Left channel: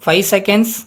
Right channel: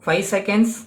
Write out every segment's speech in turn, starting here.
5 seconds.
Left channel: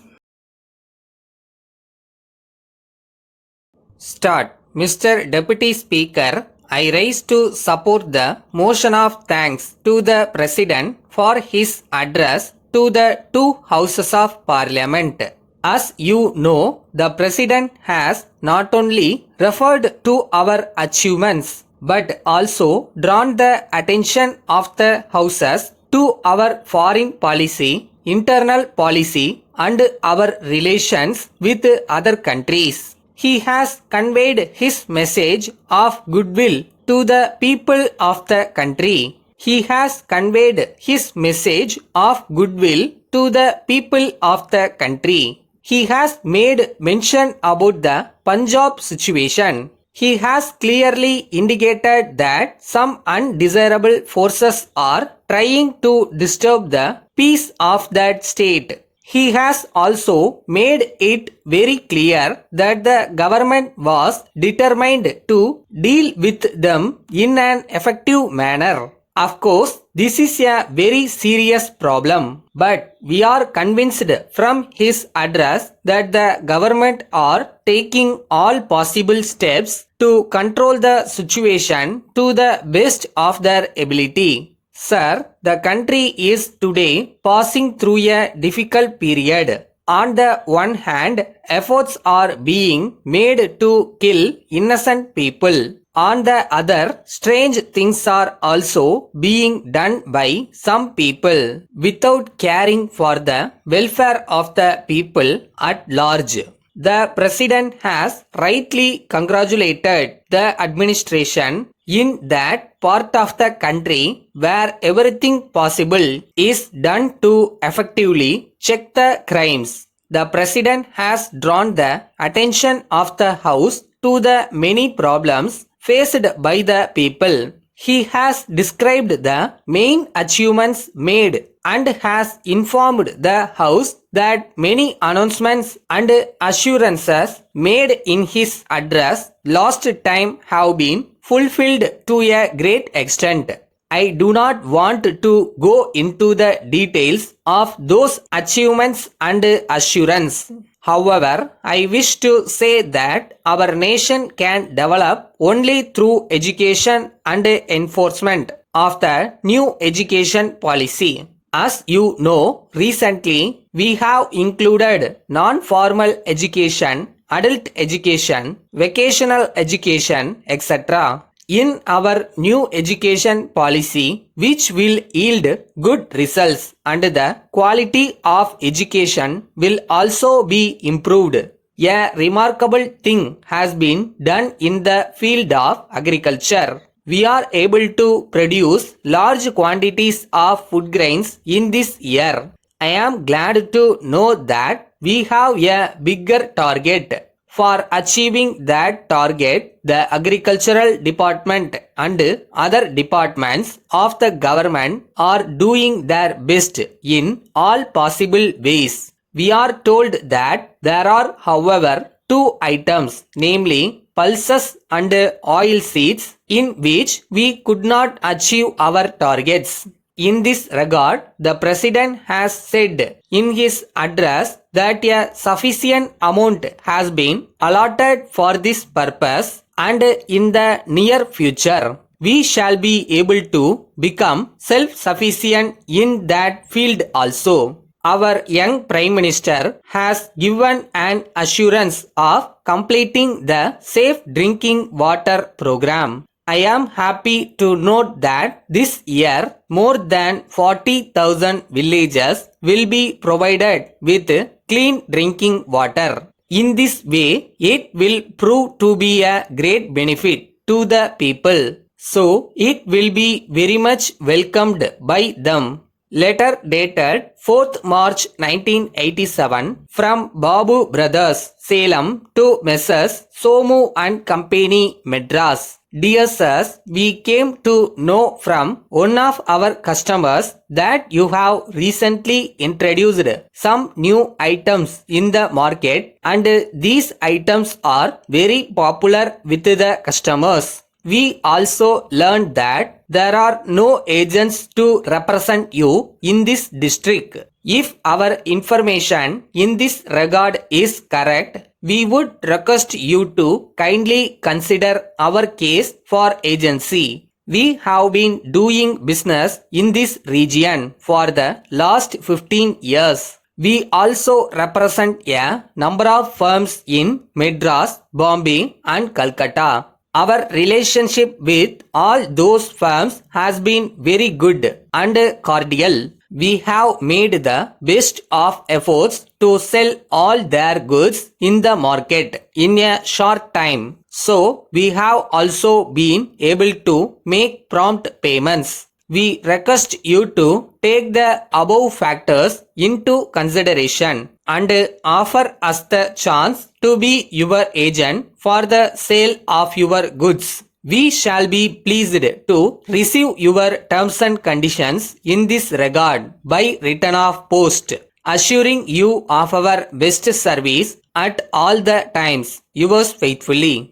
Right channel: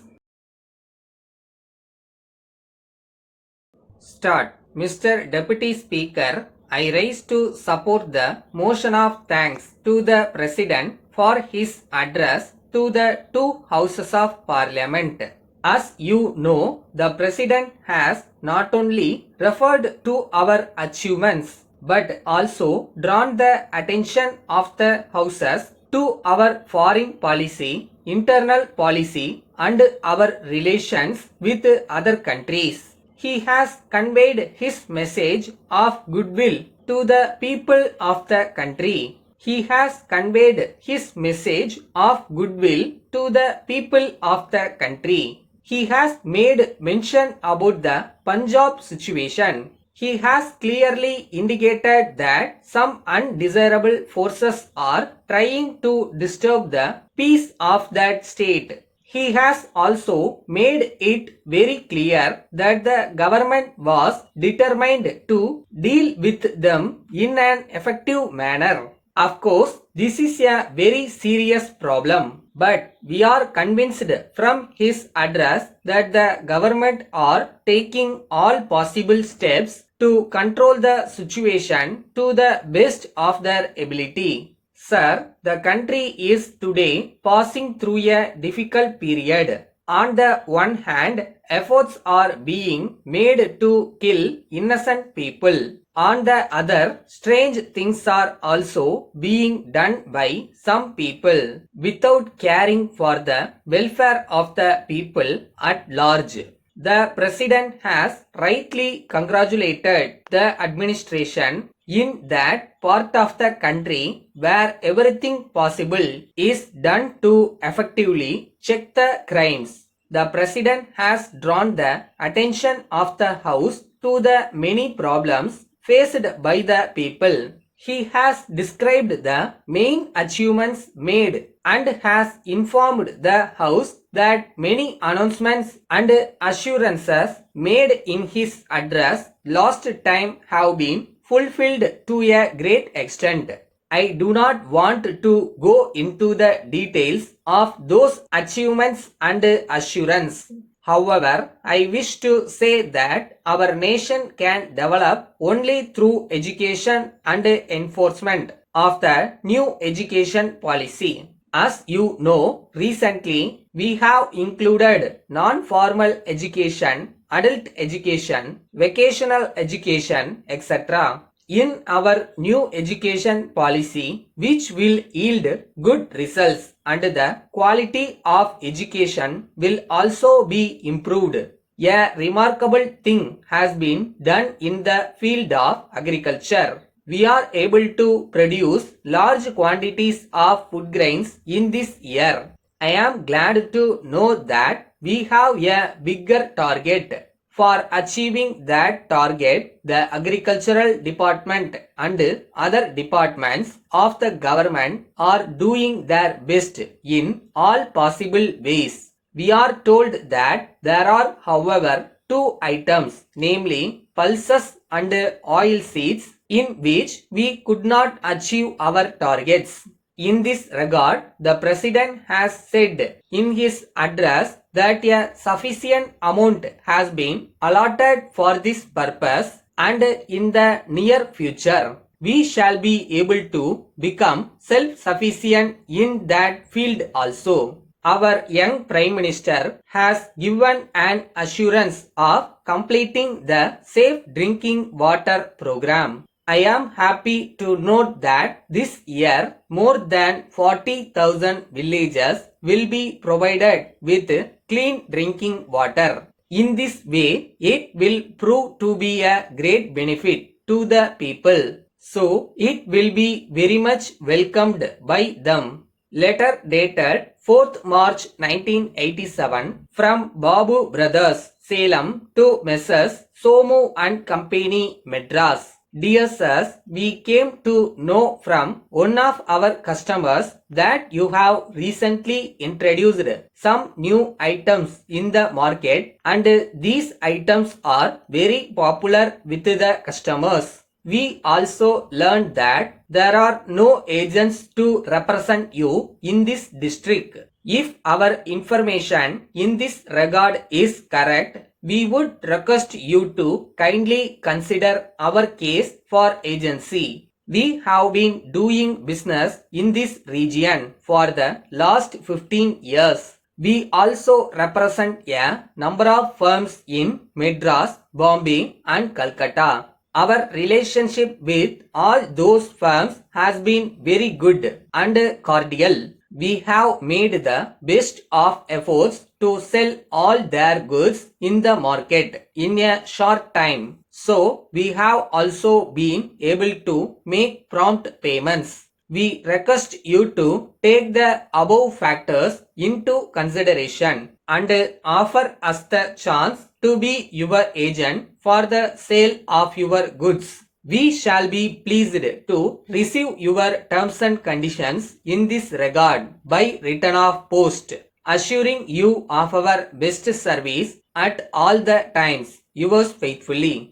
Start. Mr. Deputy Speaker, I rise to support the motion of thanks to the President for his address to the two houses of Parliament. As you know, the President has not only referred to our achievements but also drawn the attention of the houses to our foreign policy, internal policy, and our relations with other countries. He has conveyed his message of goodwill to the people of the country. He has conveyed his message of goodwill to the people of the country. He has made mention about the Punjab situation. He has clearly indicated that some undesirable forces are trying to disturb the peace of that state. He has also made it very clear that the government was determined to deal with them in an effective manner. Of course, this is a very serious problem, but we are convinced from his address that the government are taking all possible steps to control the situation to the best of their ability. Sir, the country is today passing through a difficult period. On the one hand, efforts are being made to kill innocent people. On the other, strange things are also being done by some people without caring for the welfare of the people at large. The President has rightly congratulated the administration in that part of the country where everything possible is done to effectively check the crimes. The President has drawn the attention of the House to the many problems faced by the people. He has described the main achievements made and has informed the House that many announcements and assurances made in his address last time have been fulfilled to a great extent. I do not want to go into the details of those achievements and assurance. However, I wish to say that our nation can develop only through education and enforcement of the new education policy. As you know, recently we have included non-formal education, adult education, vocational education, etc. in our new education policy, which will yield good results and the quality of education will also be improved. A remarkable thing has been done in the field of agriculture. We are able to produce large quantities of food grains in this year. I am glad to know that we have a bigger target. For achieving that target, the agricultural department and other departments of the government are doing their best in all possible ways. We are told that there are, however, two items, namely pulses and oil seeds, in which we could not achieve our targets. In this regard, the President has said in his address that a sufficient amount has been allotted for this purpose, and in the near future we shall be able to become self-sufficient in that field also. Our young Prime Minister has given an assurance of completing the Safe Drinking Water program. I am happy to note that this year more than 40,000 villages will be provided with clean drinking water. In this way, it will prove to be a great benefit to the people. So, it will be very much welcomed by them. Letter dated 4th March 1987 from Babu Brothers, Salem to Messrs. Somu and Company, Madras. Dear sirs, we came to know from one of our customers that you have recently introduced some new items in the market, and these items are very popular with the customers. We also learned that there are no agents to represent you in this district. If our information in this regard is correct, we would request you to kindly consider our case for agency. We have been doing business in this region for the last 15 years. We also represent a number of firms in Madras, Bombay and Calcutta. Our relationship with all those firms has been very good and cordial. We have made the best of efforts to sell all their goods in the market in a short time. So, we have also been able to make prompt payments. We request you to take the above factors into consideration and offer us the chance to be your agent for the sale of your goods. We shall be pleased to receive your terms and conditions in this regard by return of post, assuring you of our best service at all the times. Yours faithfully.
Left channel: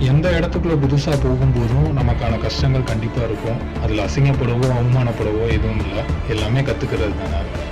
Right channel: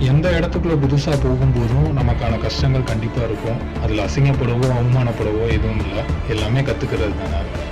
எந்த இடத்துக்குள்ள புதுசா போகும்போதும் நமக்கான கஷ்டங்கள் கண்டிப்பா இருக்கும். அதுல அசிங்கப்படவோ, அவமானப்படவோ எதுவும் இல்ல. எல்லாமே கத்துக்கிறது தானே.